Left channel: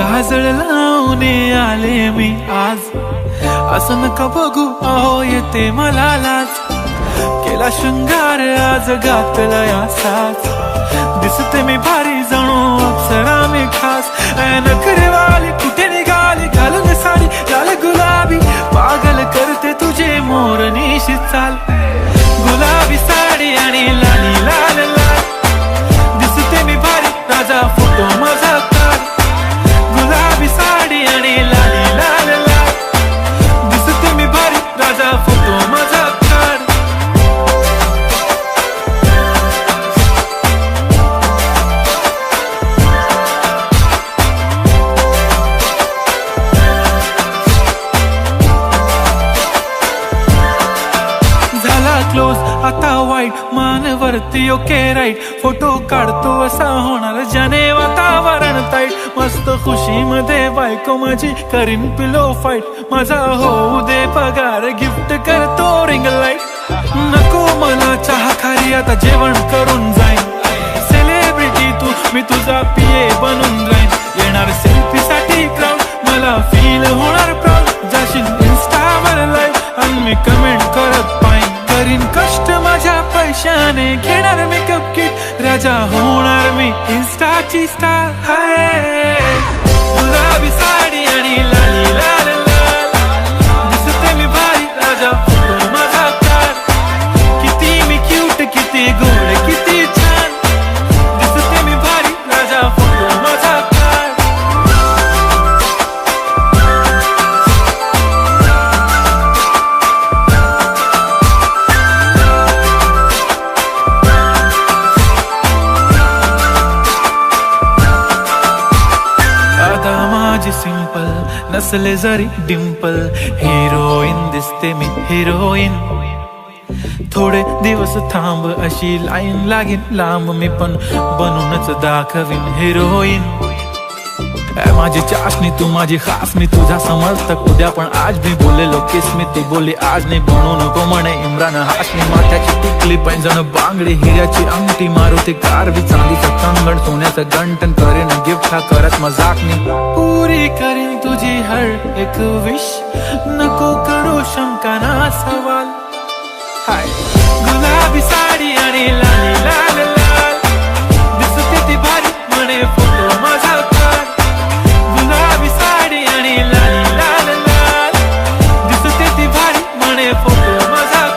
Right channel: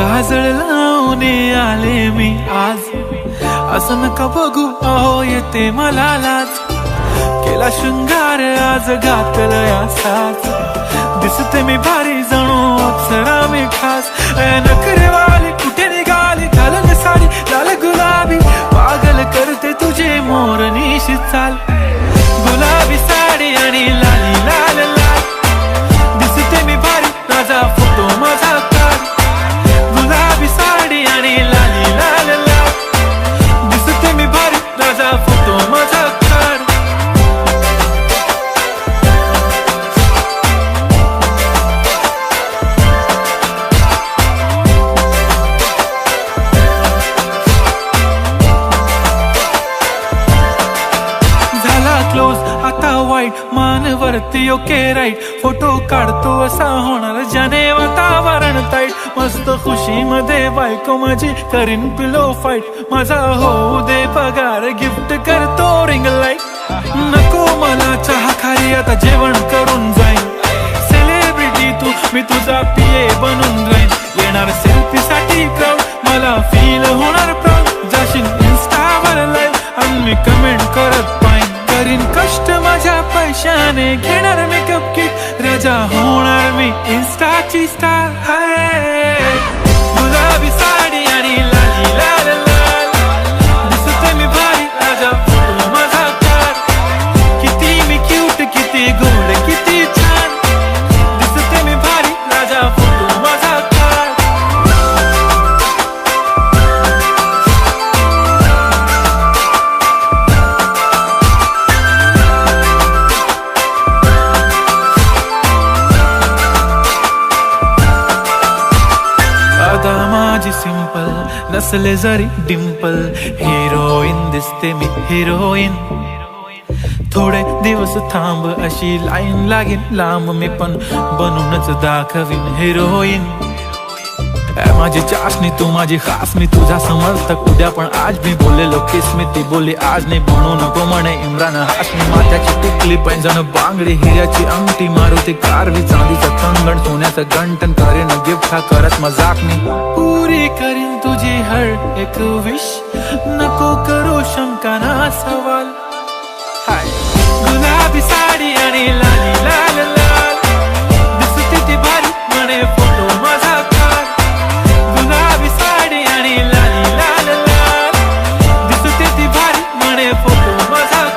काजळ लावून आले मी आज, असं नका बघू अहो येते मला लाज. केला शृंगार आज घातलाय असाच, दिसते मी भारी जणू अप्सरा मी खास. नखरेवाली कुठे निघाली घालून साडी लाल गुलाबी, पागल करते तुझे मोरनीशी चाल. गुलाबी साडी आणि लाली लाल लाल, दिसते मी भारी राजा फोटो माझा काढ. गुलाबी साडी आणि लाली लाल लाल, दिसते मी भारी राजा फोटो माझा काढ. झाला क्लोज आता वाईट, मानवरती ओके राईट. फोटो काढतो असा होणार ज्याने वातावरण ताईट. मस्त खुशी मध्ये बायको माझी करीन पिलो फाईट. माझा होऊ दे पगार गिफ्ट करतो रिंग लाईट. नको मला चहा खारी आता जेवण करून जाईन. सेलिब्रिटी तू मी तुझा पिये बनून राहीन. येणार सेल्फी साठी क्राऊड मला फील होणार प्राऊड. जाशील इन्स्टावर लाईव्ह आणि मी कमेंट करत पाईन. करीन कष्ट माझ्या पैशाने घेणार मेकअप किट. राजा होणार मी इन्स्टाची स्टार. हाय गुलाबी साडी आणि लाली लाल लाल, दिसते मी भारी राजा फोटो माझा काढ. किती मी क्यूट किती गोड किती छान, दिसते मी भारी राजा फोटो माझा काढ. आता माझी सिंपल नसले जरी डिंपल, हिरोईन दिसते मी हिरोईन. थोडे दिवस थांब अशी लाईन लागेल लांब, मी पण बनूनच दाखवीन हिरोईन. माझी चाशनी तू माझी खास, मी तुझा समर्थक उद्या पण आज मी बोलेलो किस मी ती बोली आज नाही. बनू नको म्हणे इम्रान हाशमी. माथ्याची टिकली पैंजण बांगडी हिऱ्याची अंगठी, मारुती कारवी चांदीचं कंगण सोन्याचं गंटन. करेन गिफ्ट हा करत मजाकनी, पुरी करीन तुझी हर एक विश. नको करू शंका ना सवाल. हाय गुलाबी साडी आणि लाली लाल लाल, दिसते ती भारी म्हणे फोटो माझा काढ. गुलाबी साडी आणि लाली लाल लाल, दिसते ती भारी म्हणे फोटो माझा.